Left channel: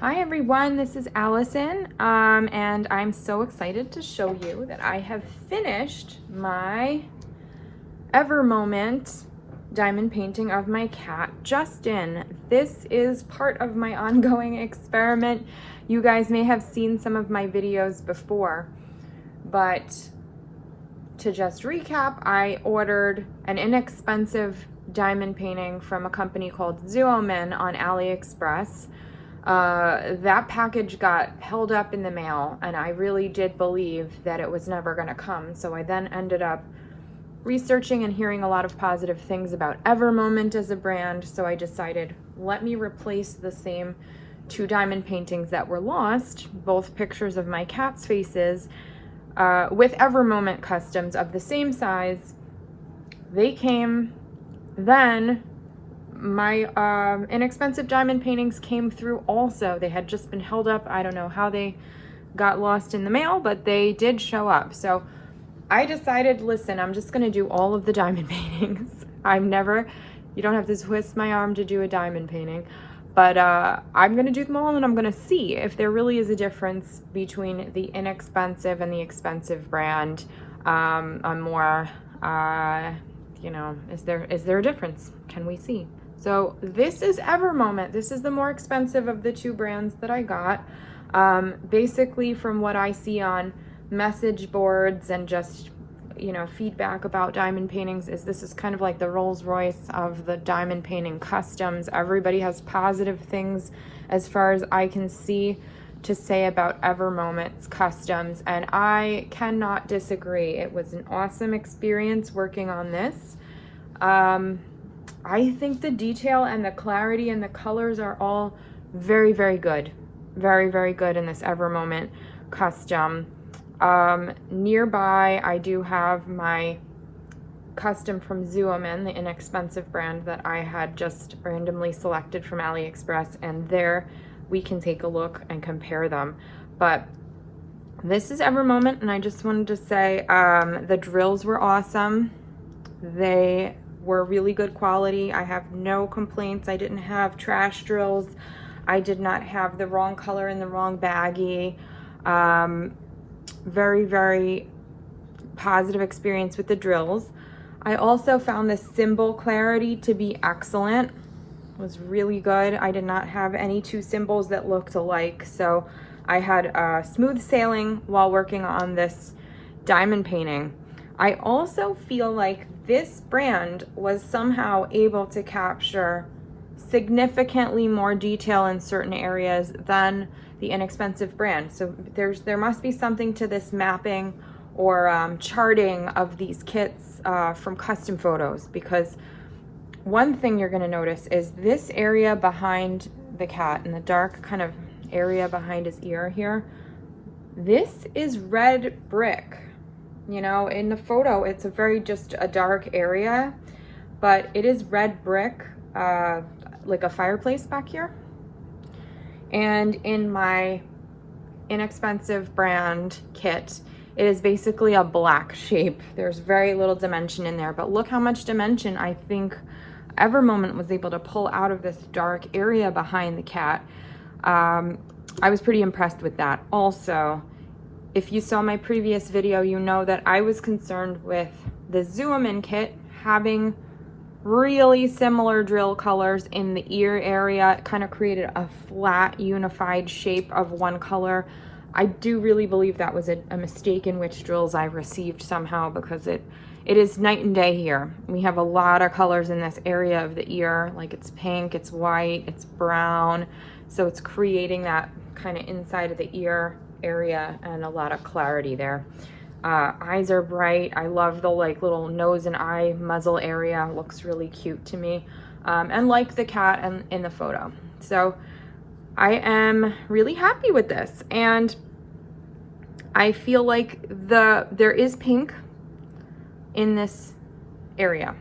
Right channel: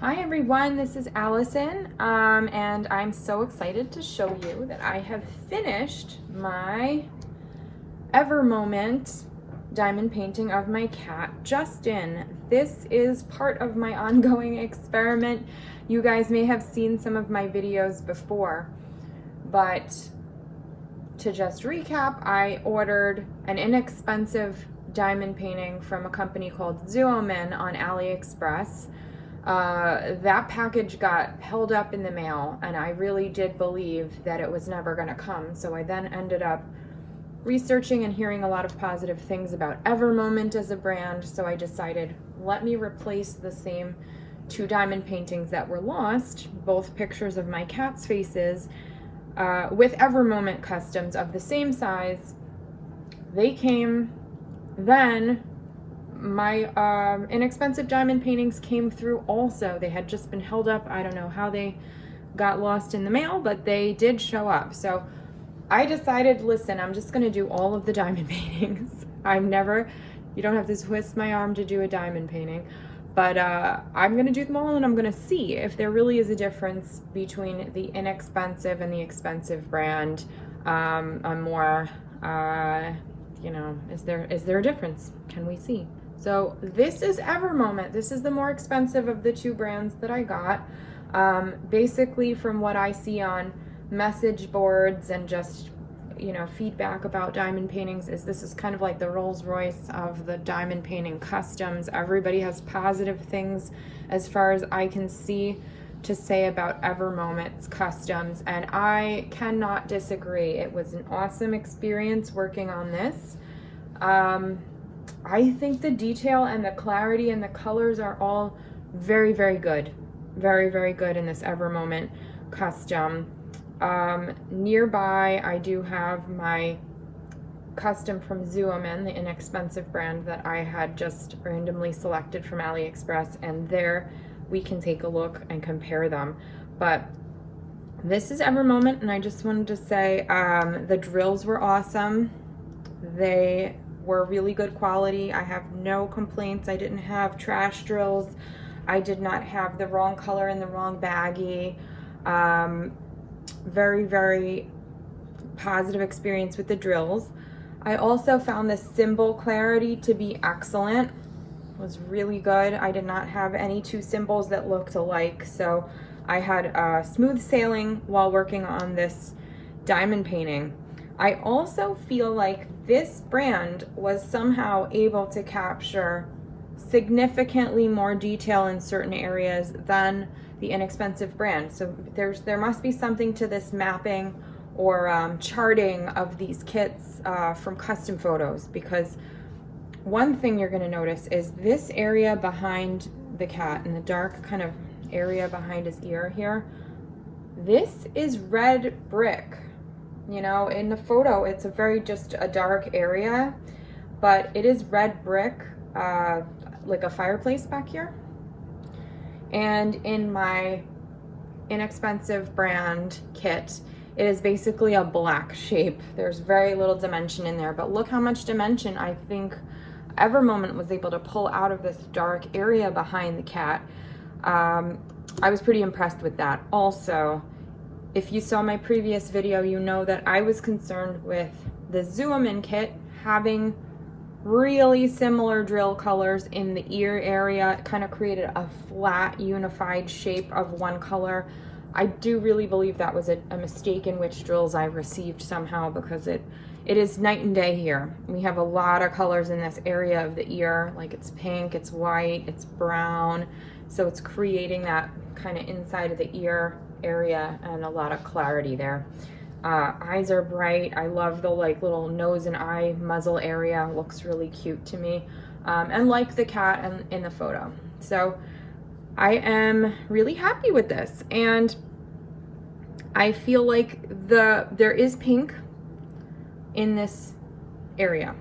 Hi everyone, this is Allison, and I'm so excited to show you that I have finished my Ever Moment diamond painting of my cat, Justin. This is part of my ongoing experiment. You guys may have seen some of my videos before, but to just recap, I ordered an inexpensive diamond painting from a company called ZUOMIN on AliExpress. That package got held up in the mail, and I really did believe that it was never going to come. So I then ended up researching and hearing a lot of positive things about Ever Moment as a brand. So I decided, let me replace the same two diamond paintings that were lost, both pictures of my cat's faces, with Ever Moment customs of the same size. They came, then my inexpensive diamond paintings came through also. They had just been held up. I don't know how they got lost in the mail, but they did show up. So I decided, listen, I'm just gonna do all of the diamond paintings. You don't have to twist my arm to do a diamond painting, but I'm gonna do them all, and I'm gonna see if there really is a difference between the inexpensive and the expensive brand. Is there a difference? Can we see? So this is Ever Moment. This is the more expensive of the two brands that I got. Basically, from what I see on message boards and just, feedback about diamond paintings, this is kind of like the Rolls Royce of the diamond painting customs. Everybody has positive things, as far as I can see, to say about Ever Moment's customs, and I cannot disagree. It was an awesome experience working on this. I think the detail and the clarity and the colors are all very, very good. Very, very good in this Ever Moment custom. Nearby, I do have my custom from ZUOMIN, the inexpensive brand that I had just randomly selected from AliExpress, and there we can take a look and compare them. But this is Ever Moment, and I just wanted to say the drills were awesome. They were really good quality. I have no complaints. I didn't have trash drills. I did not have the wrong color in the wrong baggie. Very, very positive experience with the drills. I also found the symbol clarity to be excellent. It was really good. I did not have any two symbols that looked alike, so I had smooth sailing while working on this diamond painting. I also feel like this brand was somehow able to capture significantly more detail in certain areas than the inexpensive brand. So there must be something to this mapping or charting of these kits from custom photos, because one thing you're going to notice is this area behind the cat, in the dark kind of area behind his ear here, this is red brick. In the photo, it's just a dark area, but it is red brick, like a fireplace back here. And in my inexpensive brand kit, it is basically a black shape. There's very little dimension in there, but look how much dimension I think Ever Moment was able to pull out of this dark area behind the cat. I was pretty impressed with that. Also, if you saw my previous video, you know that I was concerned with the ZUOMIN kit having really similar drill colors in the ear area. It kind of created a flat, unified shape of one color. I do really believe that was a mistake in which drills I received somehow, because it is night and day here. We have a lot of colors in this area of the ear, like it's pink, it's white, it's brown. So it's creating that kind of inside of the ear area and a lot of clarity there. Eyes are bright. I love the little nose and eye muzzle area. Looks really cute to me. And like the cat in the photo. So I am really happy with this. And I feel like there is pink in this area.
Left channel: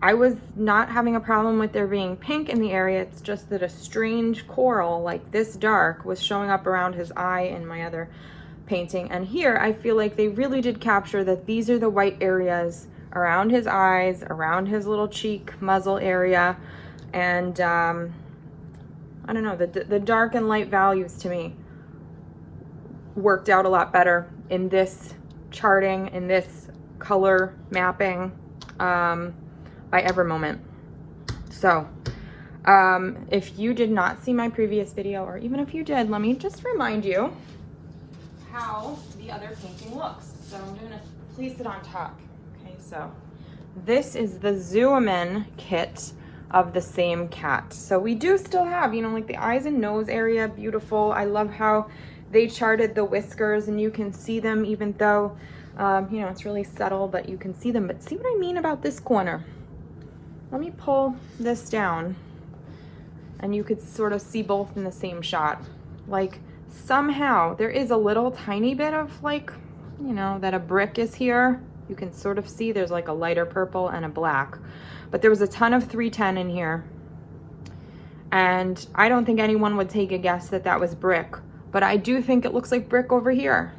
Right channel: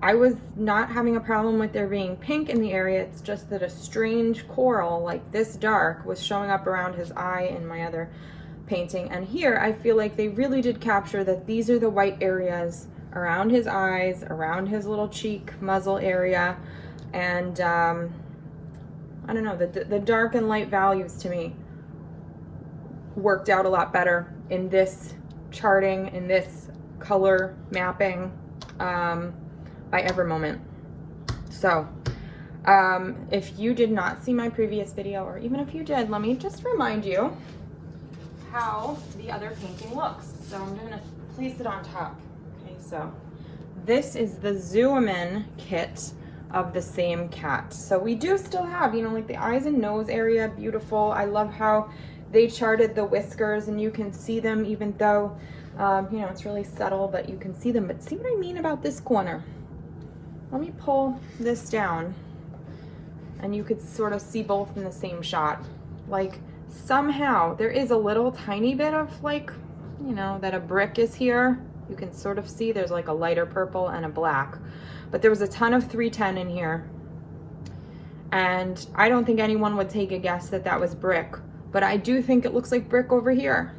I was not having a problem with there being pink in the area. It's just that a strange coral like this dark was showing up around his eye in my other painting. And here I feel like they really did capture that these are the white areas around his eyes, around his little cheek muzzle area. And I don't know, the dark and light values to me worked out a lot better in this charting, in this color mapping by EverMoment. So if you did not see my previous video, or even if you did, let me just remind you how the other painting looks. So I'm gonna place it on top. Okay, so this is the Zoomin kit of the same cat. So we do still have, you know, like the eyes and nose area, beautiful. I love how they charted the whiskers and you can see them even though, you know, it's really subtle, but you can see them. But see what I mean about this corner? Let me pull this down and you could sort of see both in the same shot. Like somehow there is a little tiny bit of like, you know, that a brick is here. You can sort of see there's like a lighter purple and a black. But there was a ton of 310 in here. And I don't think anyone would take a guess that that was brick. But I do think it looks like brick over here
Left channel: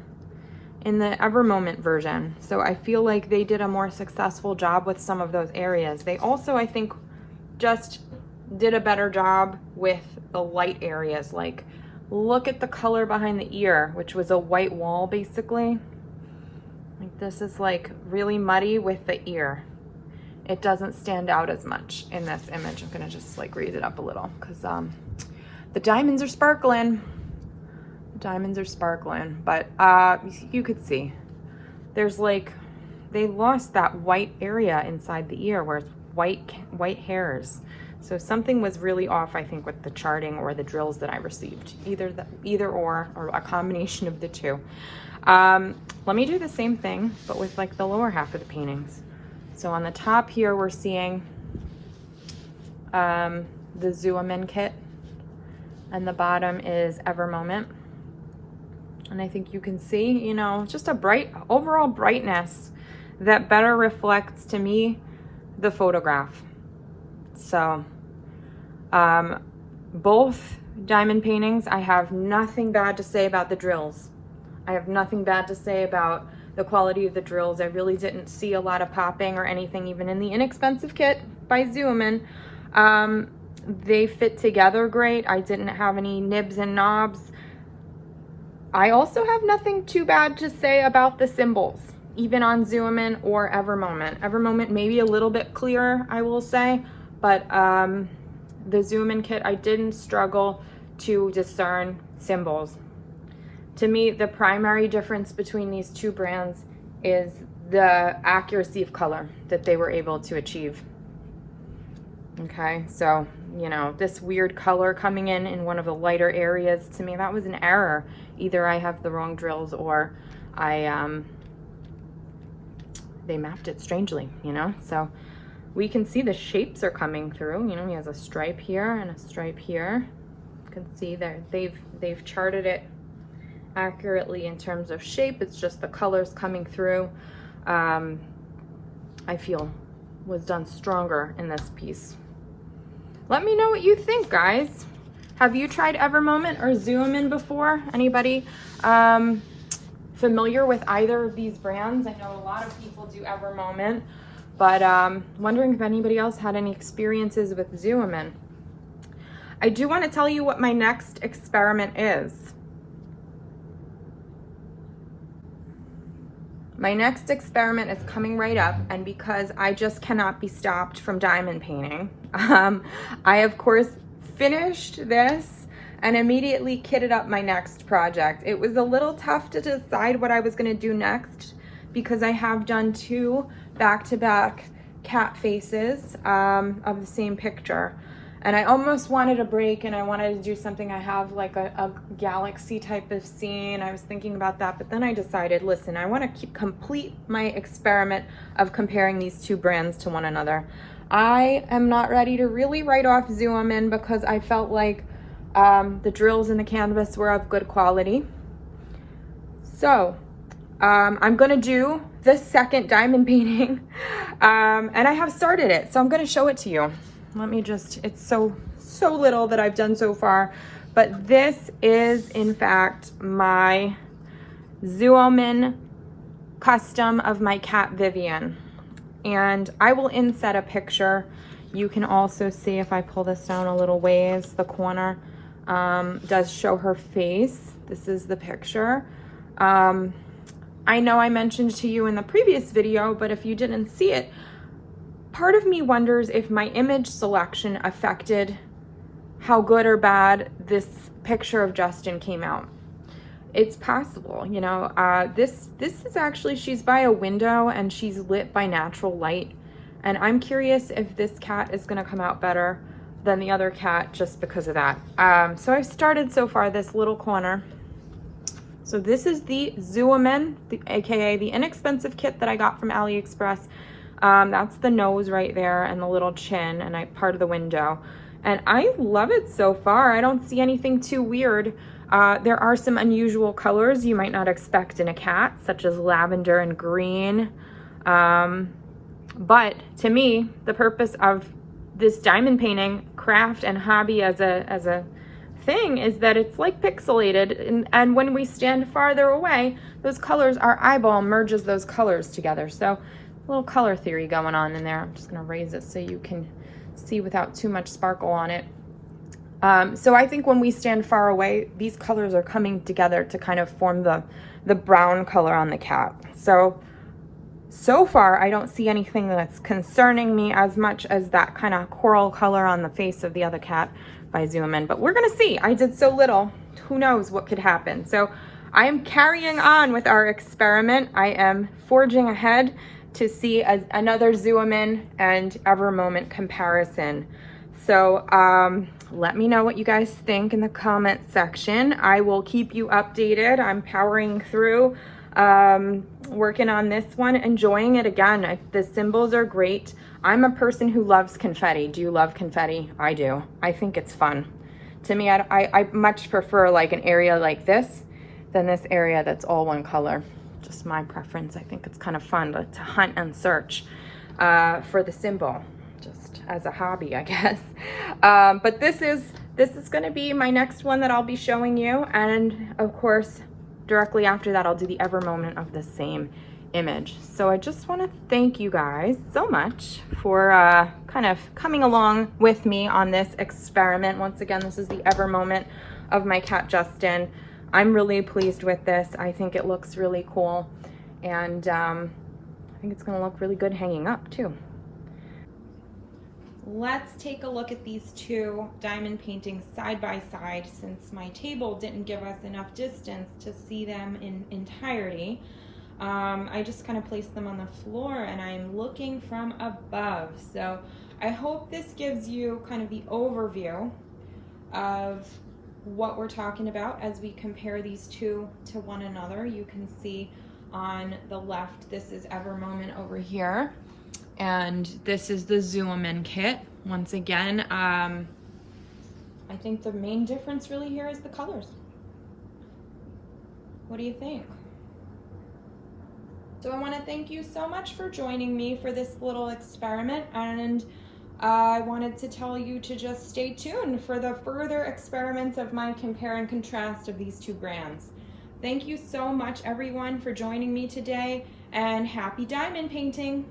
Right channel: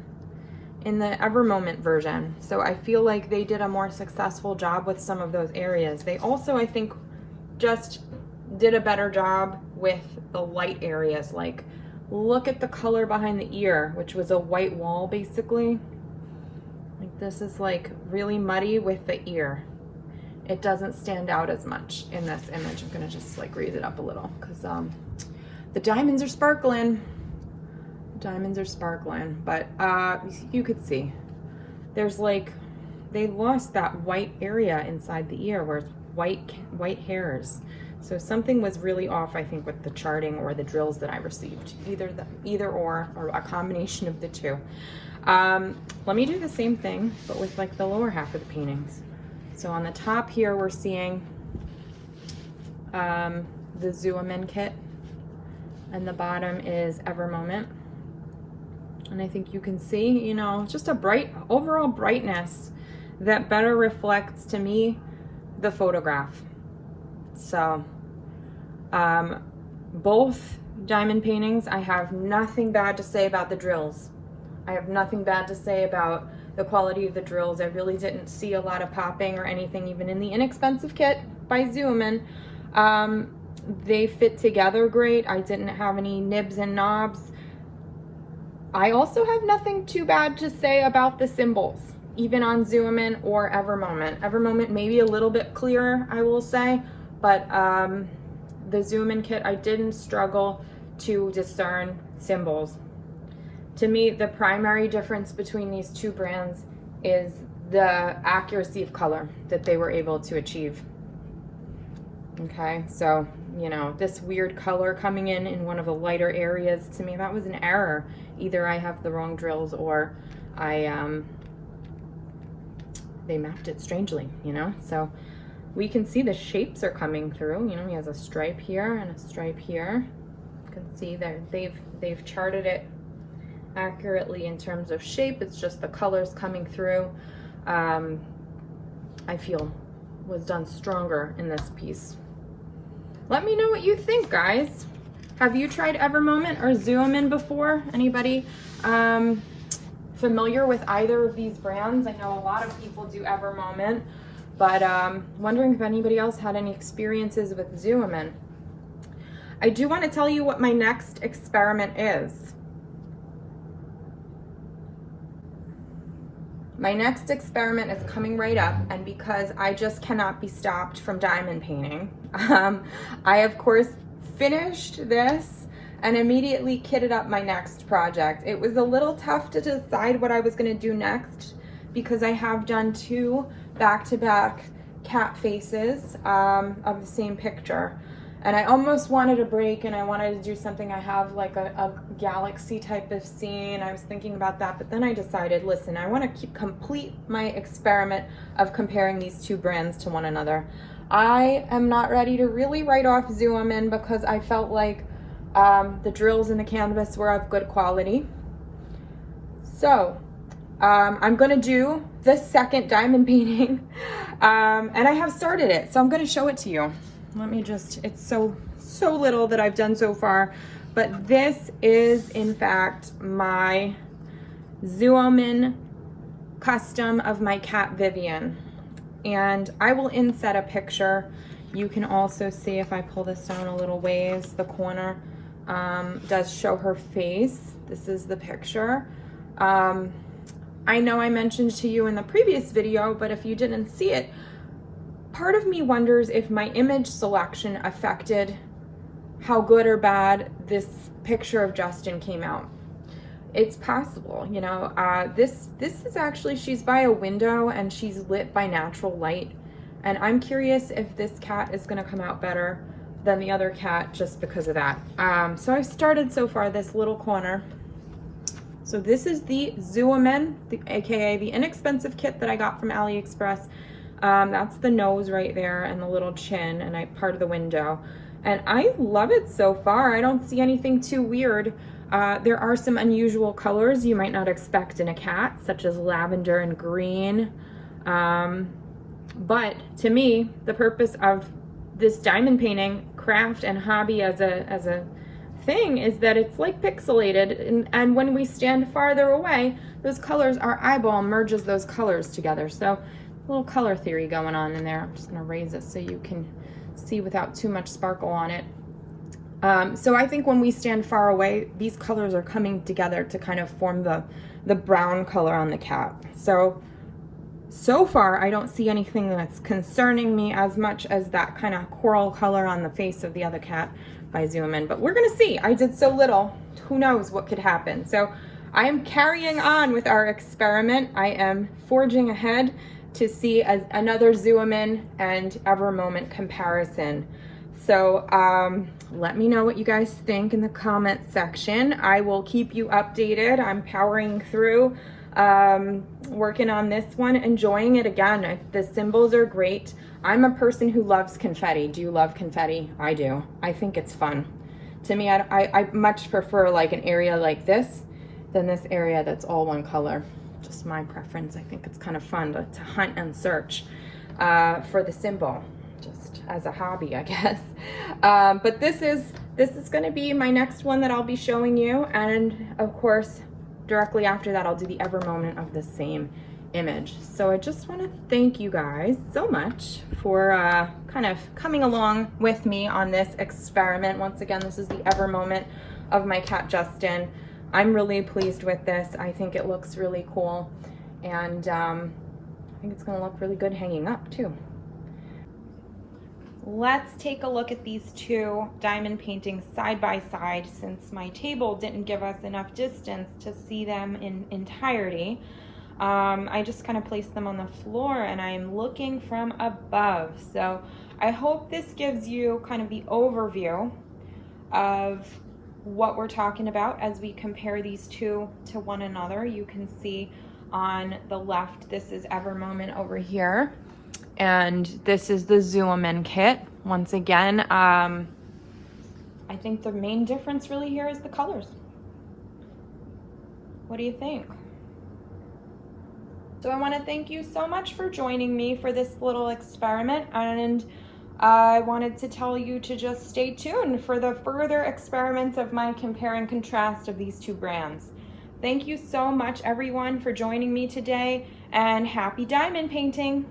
in the EverMoment version. So I feel like they did a more successful job with some of those areas. They also, I think, just did a better job with the light areas. Like, look at the color behind the ear, which was a white wall basically. Like this is like really muddy with the ear. It doesn't stand out as much in this image. I'm gonna just like raise it up a little because the diamonds are sparkling. Diamonds are sparkling, but you could see there's like, they lost that white area inside the ear where it's white hairs. So something was really off, I think, with the charting or the drills that I received. Either or a combination of the two. Let me do the same thing, but with like the lower half of the paintings. So on the top here, we're seeing the Zoomin kit, and the bottom is EverMoment. And I think you can see, you know, just a bright, overall brightness that better reflects to me the photograph. So both diamond paintings, I have nothing bad to say about the drills. I have nothing bad to say about the quality of the drills. I really didn't see a lot of popping or anything, even in the inexpensive kit by Zoomin. They fit together great. I didn't have any nibs and knobs. I also have nothing too bad to say about the symbols, even on Zoomin or EverMoment. EverMoment maybe a little bit clearer, I will say, but the Zoomin kit, I didn't struggle to discern symbols. To me, the primary difference between these two brands is the accuracy of color that they were able to achieve. Okay, so, you know, this weird color coming in one of the lighter areas, to me, that was an error. Either I have the wrong drills or they mapped it strangely, you know? So we can see the shapes are coming through. You know, he has a stripe here and a stripe here. You can see that they've charted it accurately in terms of shape. It's just the colors coming through. I feel was done stronger in this piece. Let me know what you think, guys. Have you tried EverMoment or Zoomin before? Anybody familiar with either of these brands? I know a lot of people do EverMoment, but wondering if anybody else had any experiences with Zoomin. I do want to tell you what my next experiment is. My next experiment is coming right up, and because I just cannot be stopped from diamond painting, I of course finished this and immediately kitted up my next project. It was a little tough to decide what I was going to do next because I have done two back-to-back cat faces of the same picture. And I almost wanted a break and I wanted to do something. I have like a galaxy type of scene. I was thinking about that, but then I decided, listen, I want to complete my experiment of comparing these two brands to one another. I am not ready to really write off Zoomin because I felt like the drills in the canvas were of good quality. So I'm going to do the second diamond painting and I have started it. So I'm going to show it to you. Let me just, it's so little that I've done so far, but this is in fact my ZUOMIN custom of my cat Vivian. And I will inset a picture. You can also see if I pull this down a little ways, the corner. does show her face. This is the picture. I know I mentioned to you in the previous video, but if you didn't see it, part of me wonders if my image selection affected how good or bad this picture of Justin came out. It's possible, you know. This is actually, she's by a window and she's lit by natural light. And I'm curious if this cat is gonna come out better than the other cat just because of that. So I've started so far this little corner. So this is the ZUOMIN, aka the inexpensive kit that I got from AliExpress. That's the nose right there and the little chin and part of the window. And I love it so far. I don't see anything too weird. There are some unusual colors you might not expect in a cat, such as lavender and green. But to me, the purpose of this diamond painting craft and hobby as a thing is that it's like pixelated, and when we stand farther away, those colors, our eyeball merges those colors together. So a little color theory going on in there. I'm just gonna raise it so you can see without too much sparkle on it. So I think when we stand far away, these colors are coming together to kind of form the brown color on the cat. So far, I don't see anything that's concerning me as much as that kind of coral color on the face of the other cat by Zoomin. But we're gonna see. I did so little. Who knows what could happen? So I'm carrying on with our experiment. I am forging ahead to see another Zoomin and Evermoment comparison. So let me know what you guys think in the comment section. I will keep you updated. I'm powering through, working on this one, enjoying it again. The symbols are great. I'm a person who loves confetti. Do you love confetti? I do. I think it's fun. To me, I much prefer like an area like this than this area that's all one color. Just my preference. I think it's kind of fun to hunt and search for the symbol, just as a hobby, I guess. But this is going to be my next one that I'll be showing you, and of course, directly after that, I'll do the Evermoment of the same image. So I just want to thank you guys so much for kind of coming along with me on this experiment. Once again, this is the Evermoment of my cat Justin. I'm really pleased with this. I think it looks really cool, and I think it's going to look really good hanging up too. Let's take a look at these two diamond paintings side by side, since my table didn't give us enough distance to see them in entirety. I just kind of placed them on the floor and I'm looking from above. So I hope this gives you kind of the overview of what we're talking about as we compare these two to one another. You can see on the left, this is Evermoment over here, and this is the Zoomin kit. Once again, I think the main difference really here is the colors. What do you think? So I want to thank you so much for joining me for this little experiment, and I wanted to tell you to just stay tuned for the further experiments of my compare and contrast of these two brands. Thank you so much, everyone, for joining me today, and happy diamond painting!